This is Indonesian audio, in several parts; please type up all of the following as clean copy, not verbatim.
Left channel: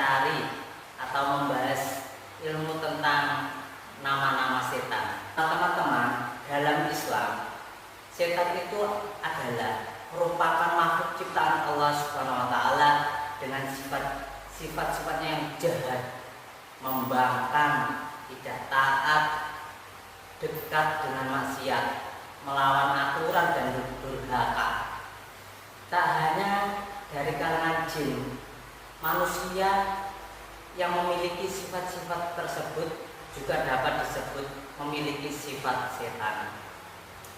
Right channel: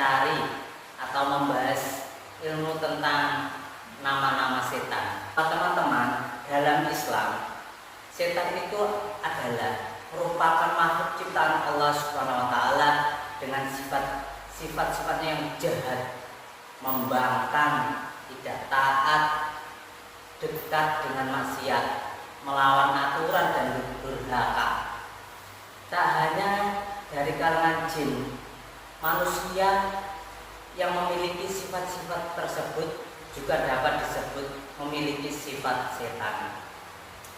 mencari atau membahas ilmu tentang nama-nama setan. Teman-teman, dalam Islam, setan itu adalah merupakan makhluk ciptaan Allah Subhanahu wa taala dengan sifat-sifatnya yang jahat, membangkang, tidak taat, dekat dengan maksiat, melawan aturan dan durhaka. Tak hanya dari kalangan jin, manusia yang memiliki sifat-sifat tersebut juga dapat disebut memiliki sifat setan.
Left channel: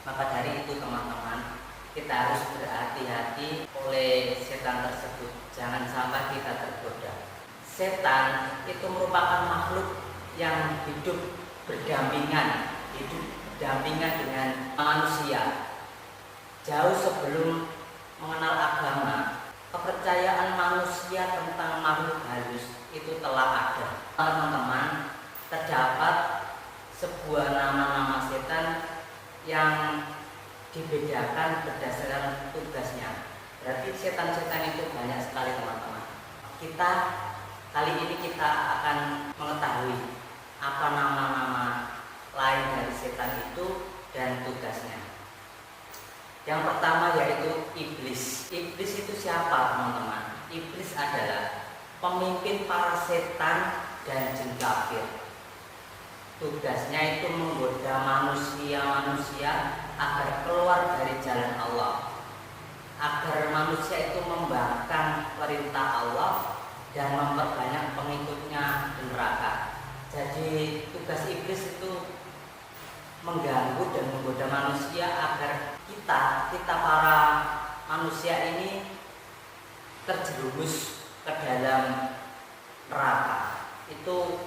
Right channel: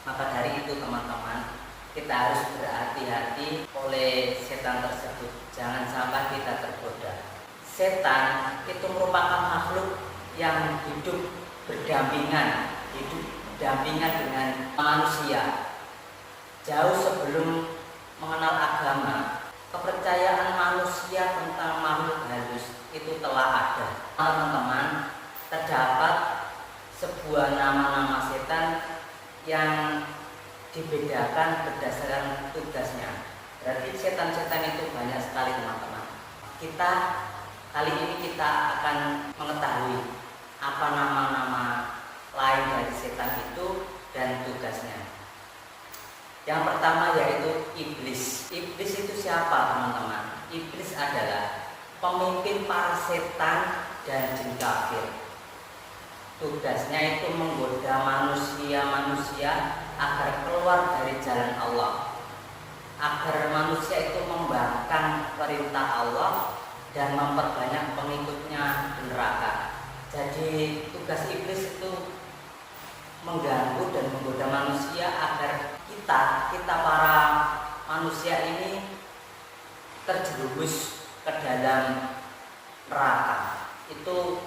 Maka dari itu teman-teman, kita harus berhati-hati oleh setan tersebut. Jangan sampai kita tergoda. Setan itu merupakan makhluk yang hidup berdampingan dengan manusia. Jauh sebelum mengenal agama, kepercayaan manusia tentang makhluk halus itu telah ada. Teman-teman, terdapat sebuah nama-nama setan yang dibedakan berdasarkan tugasnya. Berarti setan-setan itu banyak sekali teman-teman. Kali ini kita akan mengetahui apa nama-nama lain dari setan itu dan tugasnya. Yang pertama yaitu iblis. Iblis itu siapa teman-teman? Iblis adalah pemimpin para setan dan jin kafir. Tugasnya itu menggoda manusia agar keluar dari jalan Allah, agar manusia itu membangkang perintah Allah dan memperbanyak pengikutnya di neraka. Jadi tugas iblis itu mengganggu dan menggoda manusia agar kita para manusia ini terjerumus ke dalam neraka. Itu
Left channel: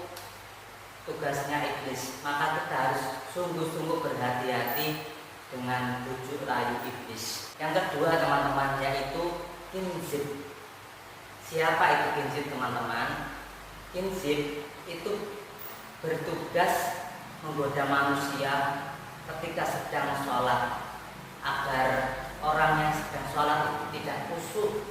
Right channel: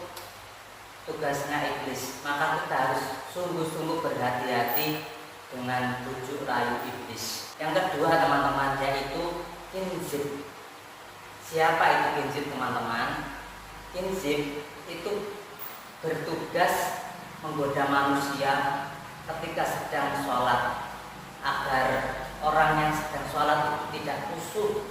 tugasnya iblis. Maka kita harus sungguh-sungguh berhati-hati dengan bujuk rayu iblis. Yang kedua teman-teman yaitu kinzib. Siapa itu kinzib teman-teman? Kinzib itu bertugas menggoda manusia ketika sedang sholat, agar orang yang sedang sholat itu tidak khusyuk.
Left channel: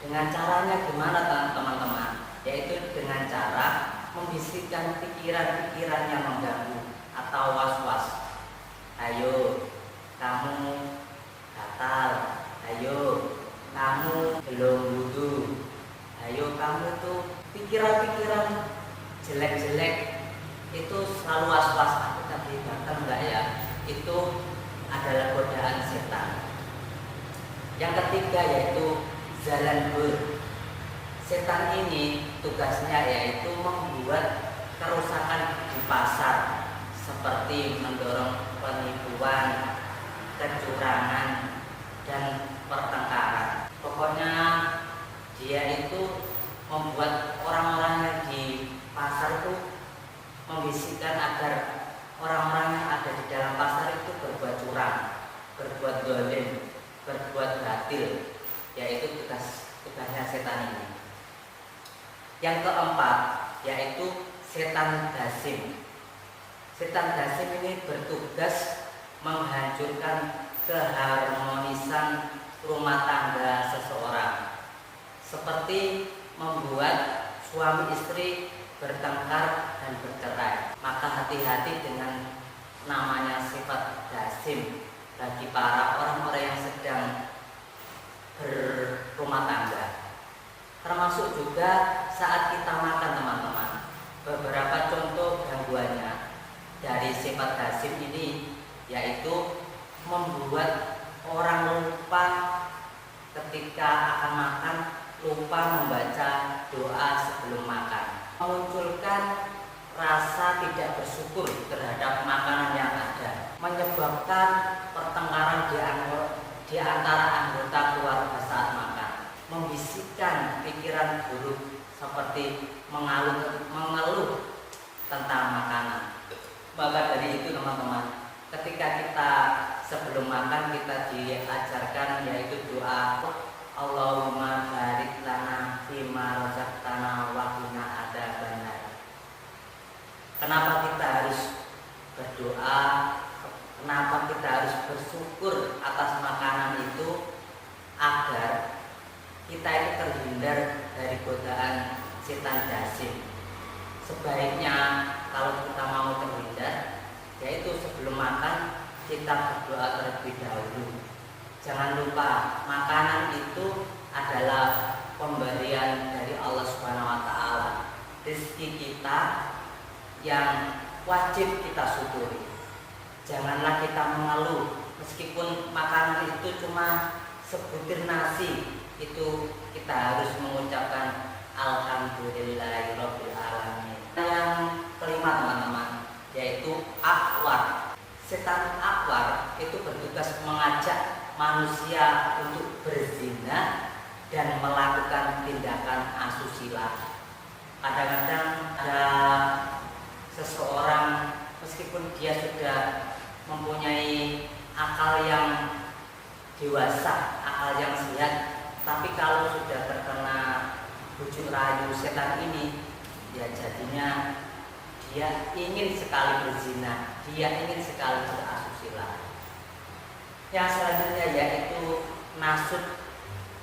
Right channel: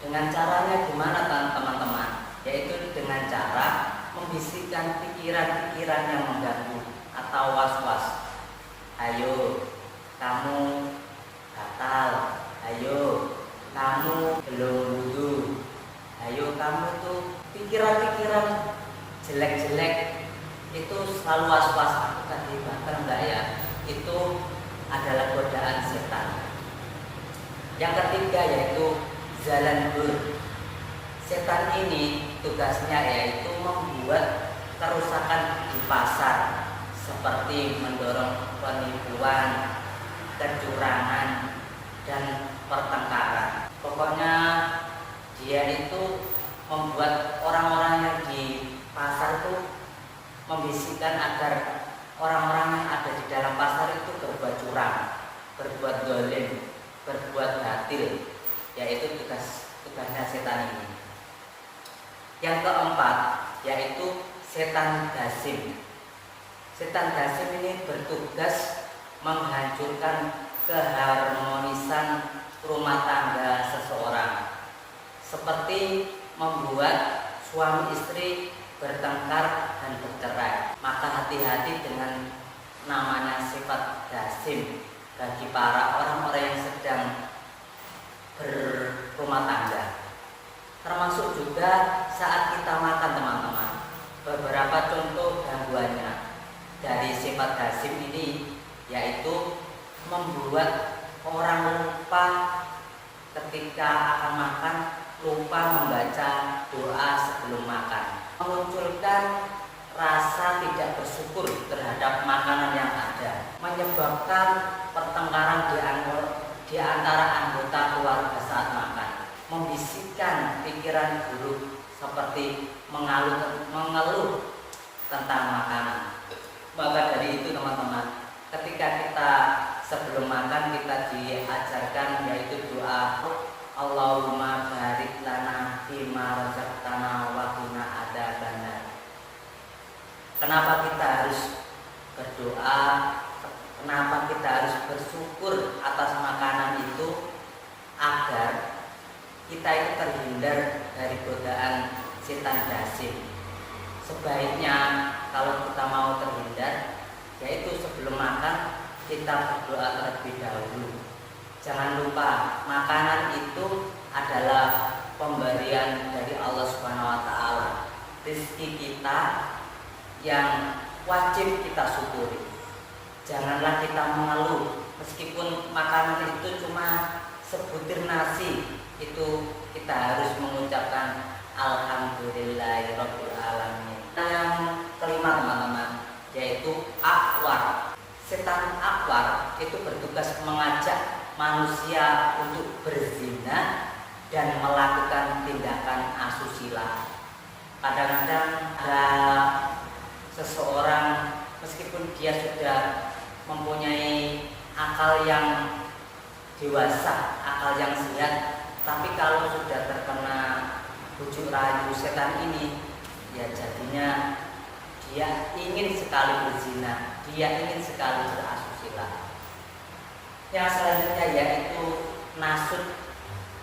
Dengan caranya gimana teman-teman? Yaitu dengan cara membisikkan pikiran-pikiran yang mengganggu atau was-was. Ayo, kamu batal. Ayo, kamu belum wudu. Ayo, kamu tuh pikiran-pikiran jelek-jelek itu selalu was-was. Aku tadi batal enggak ya? Itu adalah godaan setan. Yang ketiga yaitu zalanbur. Setan ini tugasnya yaitu membuat kerusakan di pasar, seperti mendorong penipuan, kecurangan, dan pertengkaran. Pokoknya dia itu membuat orang-orang yang di pasar itu membisikkan agar orang-orang yang ada di dalam pasar itu berbuat curang, berbuat zalim, berbuat batil. Yaitu tugasnya setan ini. Yang keempat yaitu setan dasim. Setan dasim ini bertugas menghancurkan keharmonisan rumah tangga seseorang, seperti membuat suami istri bertengkar dan bercerai. Maka hati-hati dengan namanya sifat dasim bagi para orang-orang yang sedang berumah tangga. Termasuk juga saat kita makan teman-teman. Beberapa contoh gangguannya dari sifat dasim ini yaitu membuat orang lupa ketika akan makan, lupa membaca doa sebelum makan, memunculkan rasa tidak bersyukur terhadap makanan yang ada, menyebabkan pertengkaran di antara anggota keluarga saat makan, membisikkan pikiran buruk seperti mengeluh tentang makanan. Maka dari itu teman-teman, ketika kita sebelum makan kita diajarkan yaitu doa Allahumma barik lana fima razaqtana wa qina adzabannar. Kenapa kita harus berdoa? Kenapa kita harus bersyukur atas makanan itu? Agar kita itu terhindar dari godaan setan dasim. Sebaiknya kalau kita mau terhindar, yaitu sebelum makan kita berdoa terlebih dahulu. Jangan lupa makanan itu adalah pemberian dari Allah Subhanahu wa taala. Rezeki kita yang wajib kita syukuri. Janganlah kita mengeluh meskipun makanan itu cuma sebutir nasi, itu kita harus mengucapkan alhamdulillahirabbil alamin. Yang kelima teman-teman, yaitu akwar. Setan akwar itu bertugas mengajak manusia untuk berzina dan melakukan tindakan asusila. Kadang-kadang ada seseorang meskipun dia sudah mempunyai akal yang dewasa, akal yang sehat, tapi kalau sudah terkena bujuk rayu setan ini, ya jadinya dia ingin sekali berzina, dia ingin sekali berasusila. Yang selanjutnya yaitu nasud.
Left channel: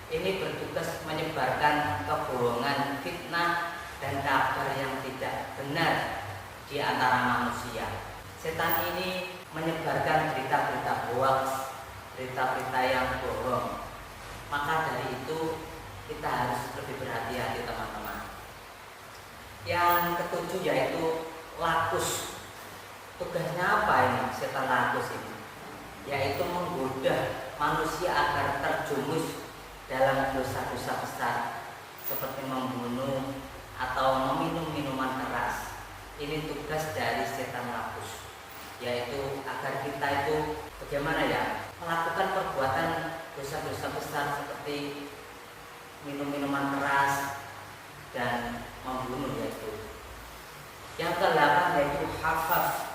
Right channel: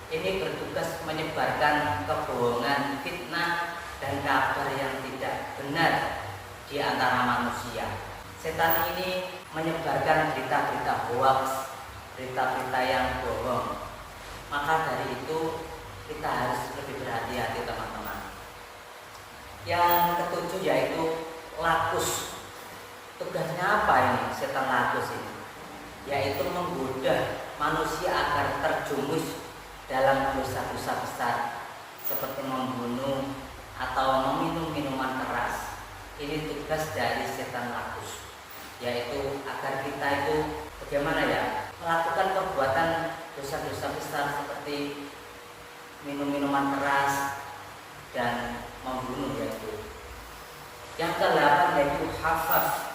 Ini bertugas menyebarkan kebohongan, fitnah, dan kabar yang tidak benar di antara manusia. Setan ini menyebarkan berita-berita hoax, berita-berita yang bohong. Maka dari itu kita harus lebih berhati-hati teman-teman. Yang ketujuh yaitu lakus. Tugasnya apa ini setan lakus ini? Yaitu menggoda manusia agar terjumus dalam dosa-dosa besar seperti membunuh atau meminum minuman keras. Ini tugas dari setan lakus, yaitu agar kita itu bagaimana ya, melakukan perbuatan dosa-dosa besar seperti minum minuman keras dan membunuh yaitu. Yang ke-8 yaitu hafaf.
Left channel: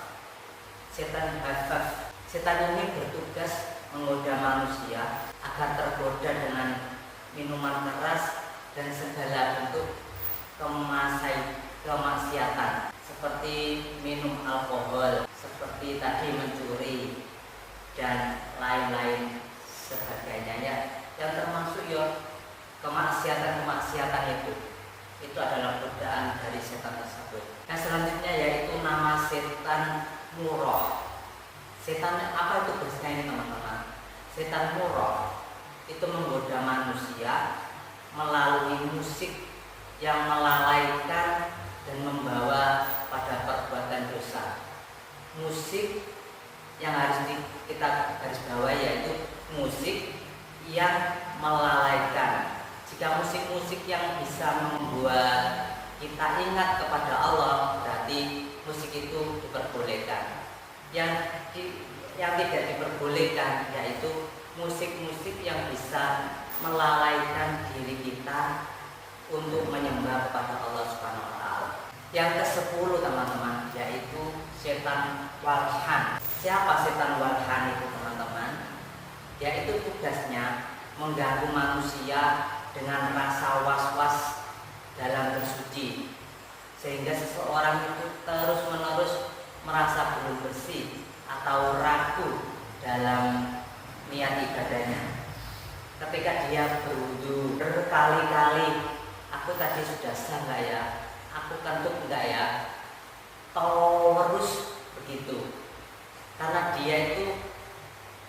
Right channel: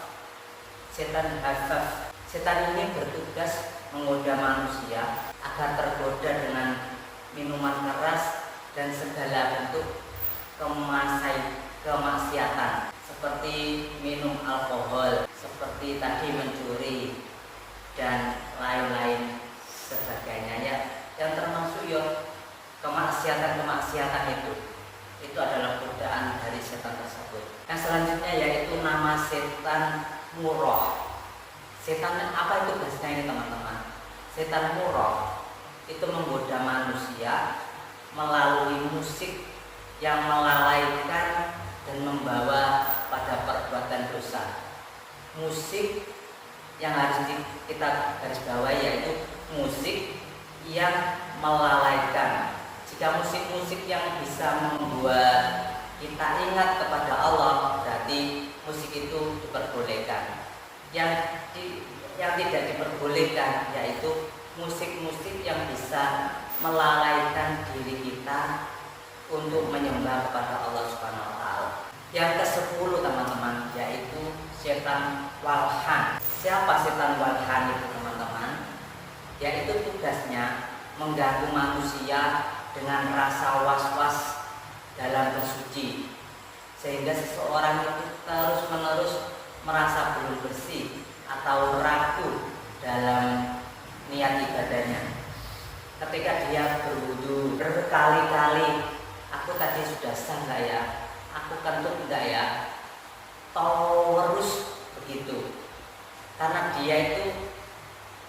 Setan hafaf. Setan ini bertugas menggoda manusia agar tergoda dengan minuman keras dan segala bentuk kemaksiatan seperti minum alkohol, seperti tadi mencuri dan lain-lain sebagainya ya, yang termasuk ya kemaksiatan itu adalah godaan dari setan tersebut. Yang selanjutnya yaitu nama setan murrah. Setan apa itu tugasnya ini teman-teman? Setan murrah itu menggoda manusia melalui musik yang melalaikan dan membawa pada perbuatan dosa. Musik yang harus kita garis bawahi yaitu musik yang melalaikan. Jika musik-musik yang bisa membuat kita ingat kepada Allah, berarti musik itu diperbolehkan. Yang tidak diperbolehkan yaitu musik-musik yang bisa melalaikan diri kita untuk menyembah kepada Allah Subhanahu wa taala. Yang ke-10 teman-teman yaitu setan walhan. Siapa setan walhan itu teman-teman? Yaitu tugasnya mengganggu manusia dengan rasa was-was dalam bersuci, sehingga seseorang itu terus-menerus merasa belum bersih atau ragu dalam niat ibadahnya. Ketika dia berwudu berkali-kali, aku tadi sudah sah enggak ya? Aku kentut enggak ya? Terus begitu. Karena dia itu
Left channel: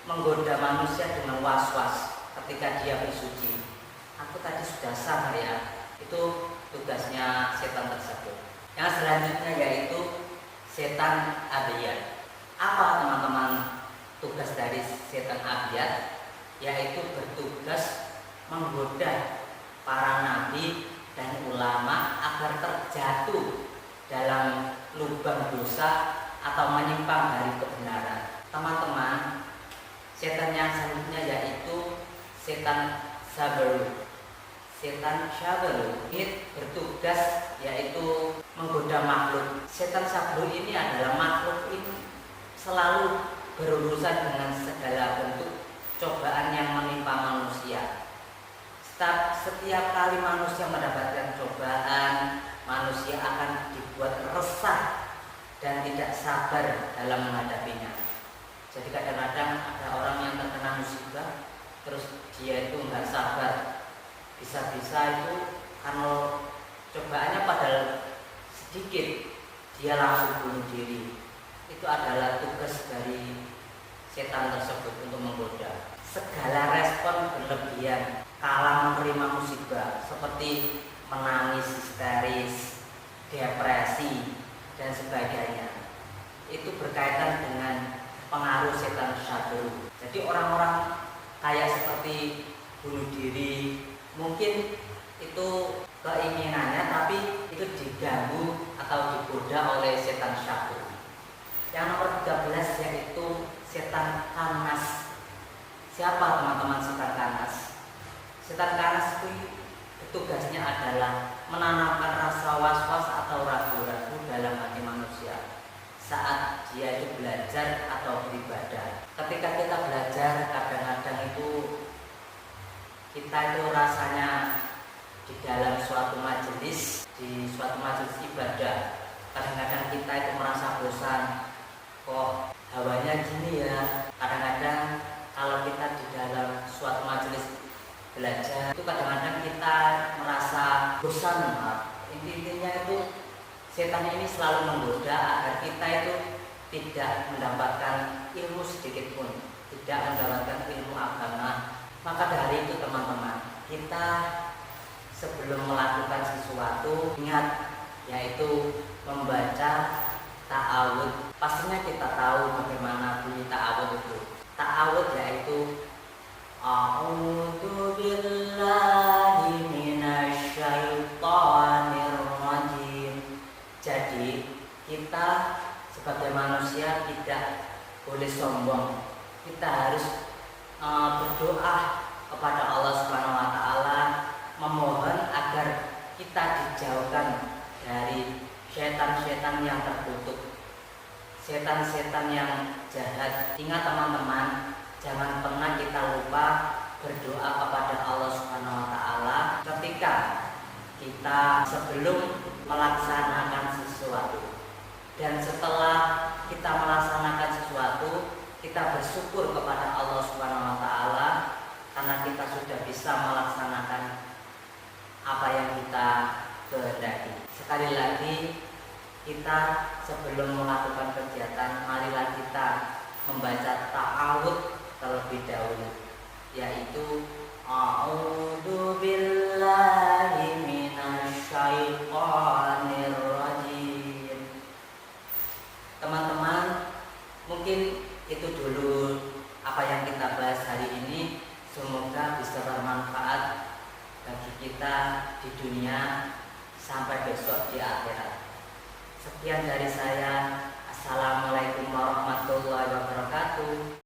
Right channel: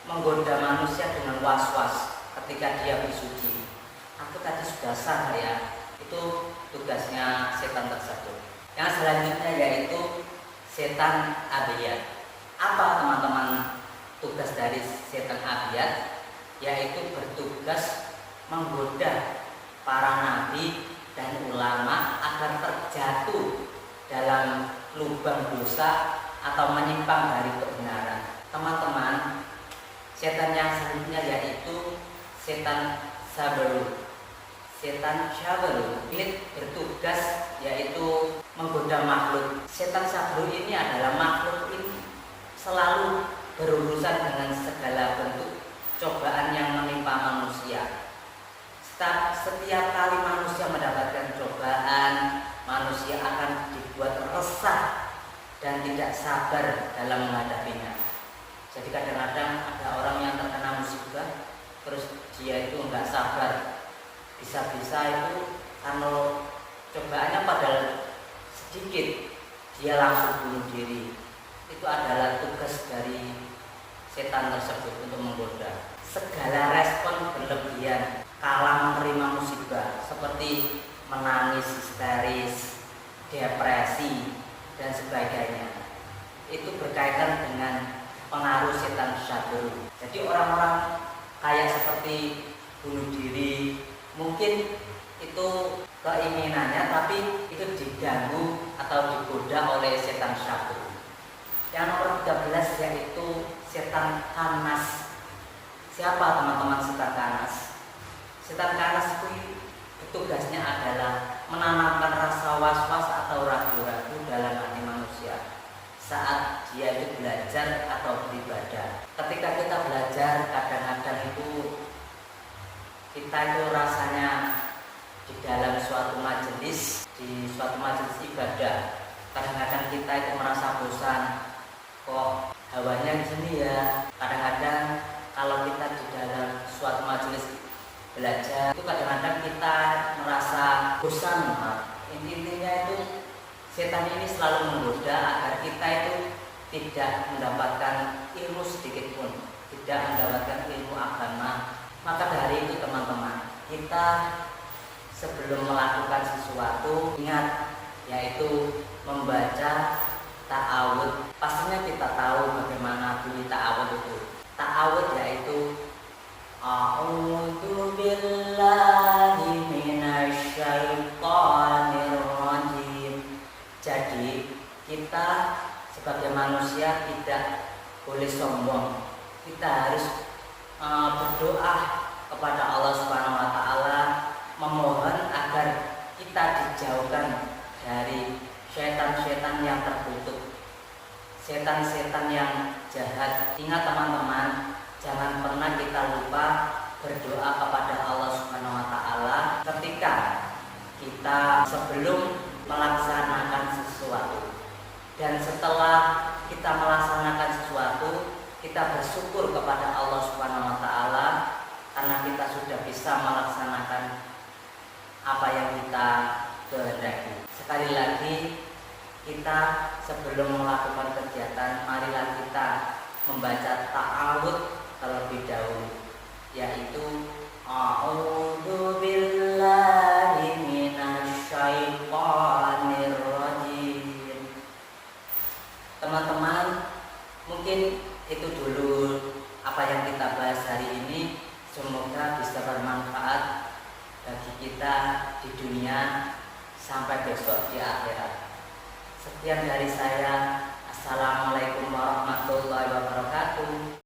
menggoda manusia dengan was-was ketika dia bersuci. Aku tadi sudah sah enggak ya? Itu tugasnya setan tersebut. Yang selanjutnya yaitu setan abiyat. Apa teman-teman tugas dari setan abiyat? Yaitu bertugas menggoda para nabi dan ulama agar terjatuh dalam lubang dosa atau menyimpang dari kebenaran. Teman-teman, setan yang selanjutnya yaitu setan sabaru. Setan sabaru ini bertugas yaitu menggoda makhluk. Setan sabaru ini adalah makhluk ini selalu berurusan dengan segala bentuk cobaan yang menimpa manusia. Setiap kali manusia mendapatkan cobaan, manusia akan dibuat resah dan tidak sabar dalam menghadapinya. Jadi kadang-kadang ada orang yang terkena musibah, terus dia itu nggak sabar, bisa-bisa itu karena cobaannya padahal sedikit, dia langsung bunuh diri. Itu adalah tugas dari setan tersebut untuk menggoda. Segala respon berlebihan kala menerima musibah seperti menangis histeris, depresi, dan sebagainya, itu berkaitan dengan pengaruh setan syadru. Jadi orang-orang kayak seperti bunuh diri, mungkin itu keinginannya, tapi itu diganggu atau digoda oleh setan syadru. Yang nomor 13 yaitu setan kanas. Siapa teman-teman setan kanas? Setan kanas itu tugasnya adalah menanamkan rasa was-was atau ragu-ragu dalam hati manusia saat dia itu belajar atau beribadah. Ketika kita belajar, kadang-kadang itu kita itu rasanya di dalam suatu majelis, di suatu majelis ibadah, kadang-kadang kita itu merasa bosan, kok hawanya gini ya. Kadang-kadang kalau kita di dalam suatu majelis belajar itu kadang-kadang kita merasa bosan. Intinya itu setan ini selalu menggoda agar kita itu tidak mendapatkan ilmu sedikit pun, tidak mendapatkan ilmu agama. Maka dari itu teman-teman, kita sebelum melakukan sesuatu ingat, yaitu membaca ta'awud. Pastinya kita tahu bagaimana bunyi ta'awud itu. Ta'awud yaitu A'udzu billahi minasyaitonir rajim. Jadi kita sebagai manusia tidak boleh sombong. Kita harus berdoa kepada Allah Subhanahu wa taala, memohon agar kita dijauhkan dari setan-setan yang terkutuk, setan-setan yang jahat. Ingat teman-teman, jangan pernah kita lupa berdoa kepada Allah Subhanahu wa taala ketika kita sebelum melaksanakan sesuatu. Dan setelah kita melaksanakan sesuatu, kita bersyukur kepada Allah Subhanahu wa taala karena kita sudah bisa melaksanakan apa yang kita kehendaki. Sekali lagi, kita sebelum melakukan kegiatan, marilah kita membaca ta'awud terlebih dahulu, yaitu A'udzu billahi minasyaitonir rajim. Teman-teman, mungkin itu dulu apa yang kita bahas hari ini. Semoga bisa bermanfaat bagi kita di dunia sampai besok di akhirat. Sekian dari saya. Assalamualaikum warahmatullahi wabarakatuh.